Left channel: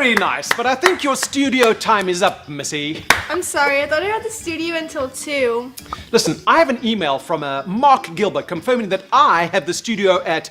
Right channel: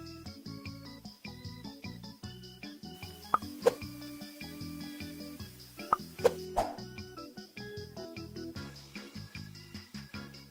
Very nice, but I think your studio time is up, Missy. I'm sorry, I thought I had the studio until 2. Listen, I have an email from Mark Gilbert confirming that I have the studio at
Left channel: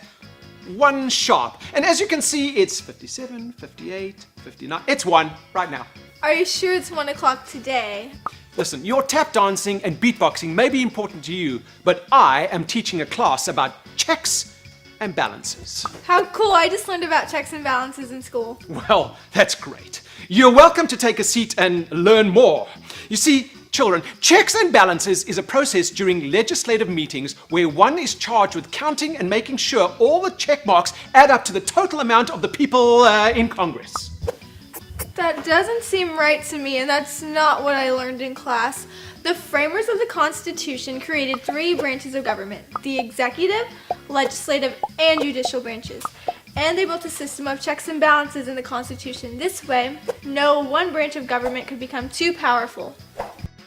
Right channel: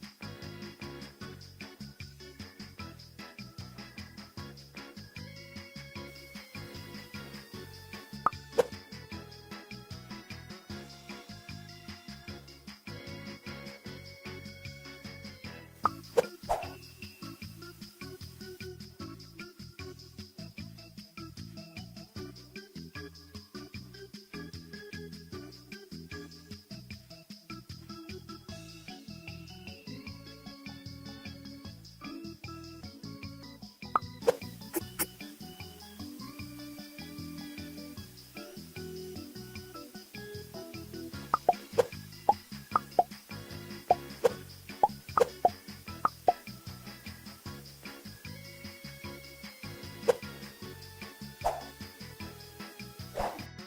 1 sharp. And as you can see, it's 57, 58, 59. It's 1 right now. Are you sure it's 1 o'clock today? Listen, your tap dancing and beatboxing may be important to you, but I am teaching a class about checks and balances. How cool, I just learned about checks and balances in school. Well, that's great. You're welcome to take a seat and learn more. You see, children, checks and balances is a process during legislative meetings where one is charged with counting and making sure all the check marks add up to the total amount of the people in Congress. That doesn't seem right to me, and that's not what I learned in class. The framers of the Constitution created 3 branches of government: the executive, legislative, and judicial branches. And they built a system of checks and balances in the Constitution. This way, no one branch of government could become too powerful.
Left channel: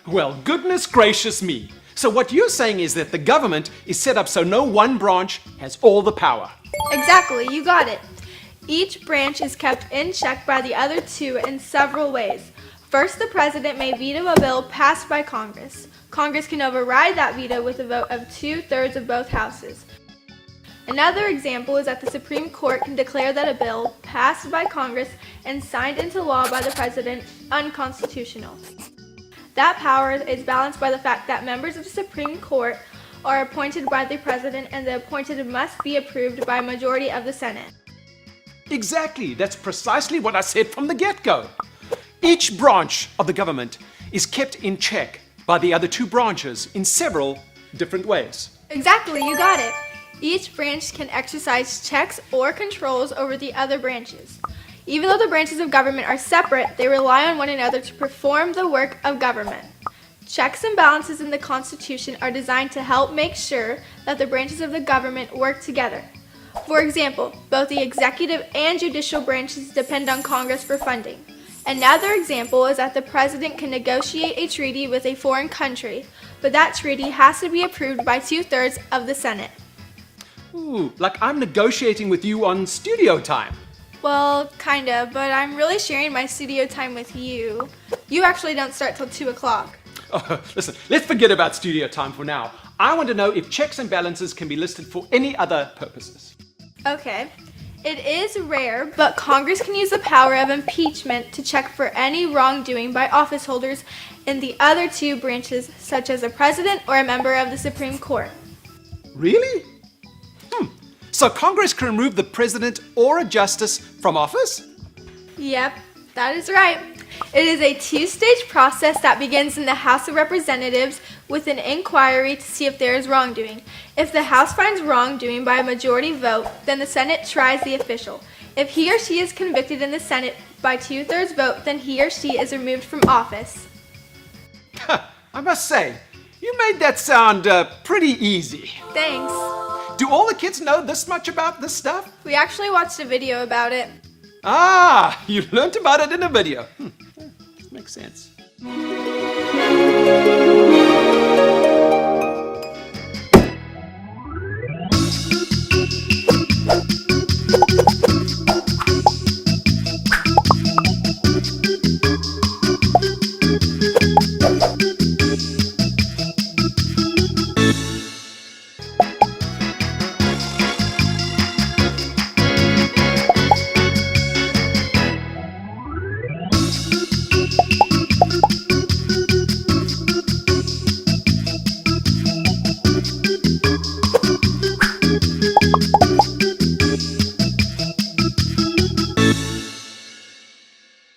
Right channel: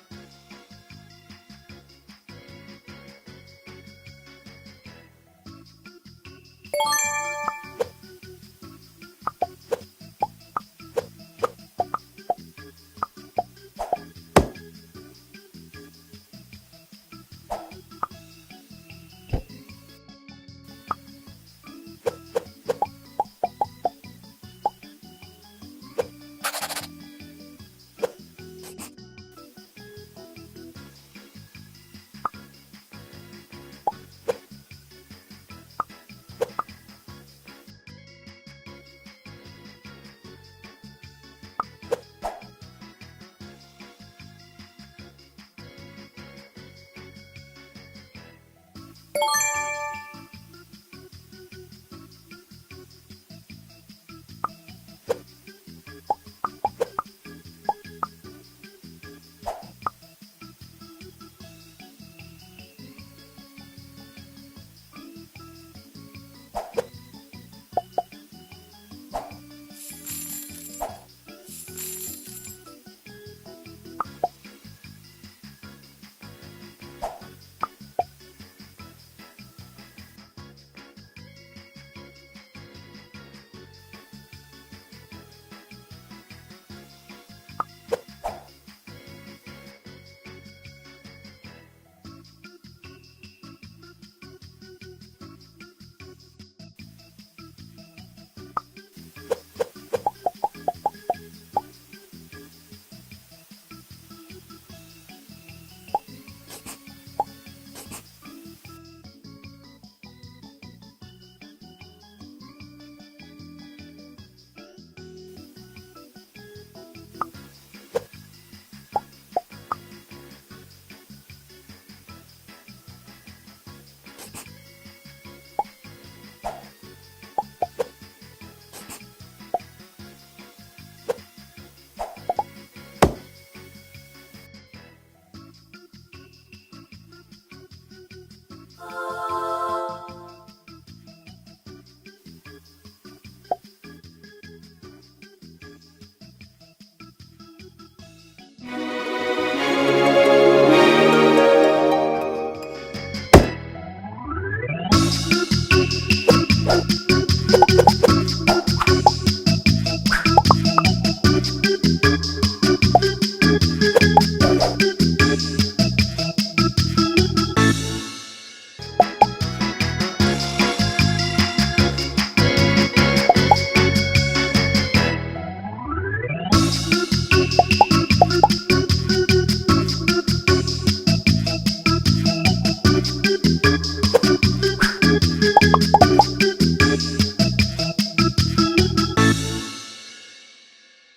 Well, goodness gracious me. So what you're saying is that the government is set up so no one branch has all the power. Exactly, you got it. Each branch is kept in check by the other 2 in several ways. First, the president may veto a bill passed by Congress. Congress can override that veto with a vote of 2/3 of both houses. Another example is that the Supreme Court can declare that a bill passed by Congress and signed into law by the president unconstitutional. That power is balanced by the fact that members of the Supreme Court are appointed by the president, and the appointed must be approved by a majority of the Senate. Exactly, that's precisely what I said from the get-go. Each branch of the government is kept in check by the other 2 branches in several different ways. Exactly, you got it. Each branch can exercise checks or controls over the other branches. Even though the branches of government are separate, they rely on one another to perform the work of government. Checks and balances in the Constitution are designed to help make sure that the branches of the government work together. For example, both the executive and judicial branches depend on Congress for funding. Another example is that the president can negotiate a treaty with a foreign country, but that treaty has to be approved by 2/3 of the Senate. Ooh, like I'm negotiating with you on studio time. Well, kind of, but I'm really sharing my studio time with you. You actually don't start till 2 o'clock. Oh, listen, let's forget about studio time for now. I want to know if checks and balances can be listed for any other purposes. Okay. It is rare, but Congress can use the power of impeachment to check for any wrongdoing by office holders in the other 2 branches, such as a president or a member of the Supreme Court. Really? So Congress can remove the president or a justice from office? Yep, that is right. It is a 2-stage process that begins in the House of Representatives with an inquiry to see if there is wrongdoing. If the House finds wrongdoing by a majority vote, then the Senate tries the official. If he or she is convicted in the Senate by 2/3 vote, then he or she is removed from office. I must say, you made that sound pretty easy. Thanks. Do all the kids know this much about this stuff? We actually watched a video about it. Ah, you learned about it in a video. Makes sense.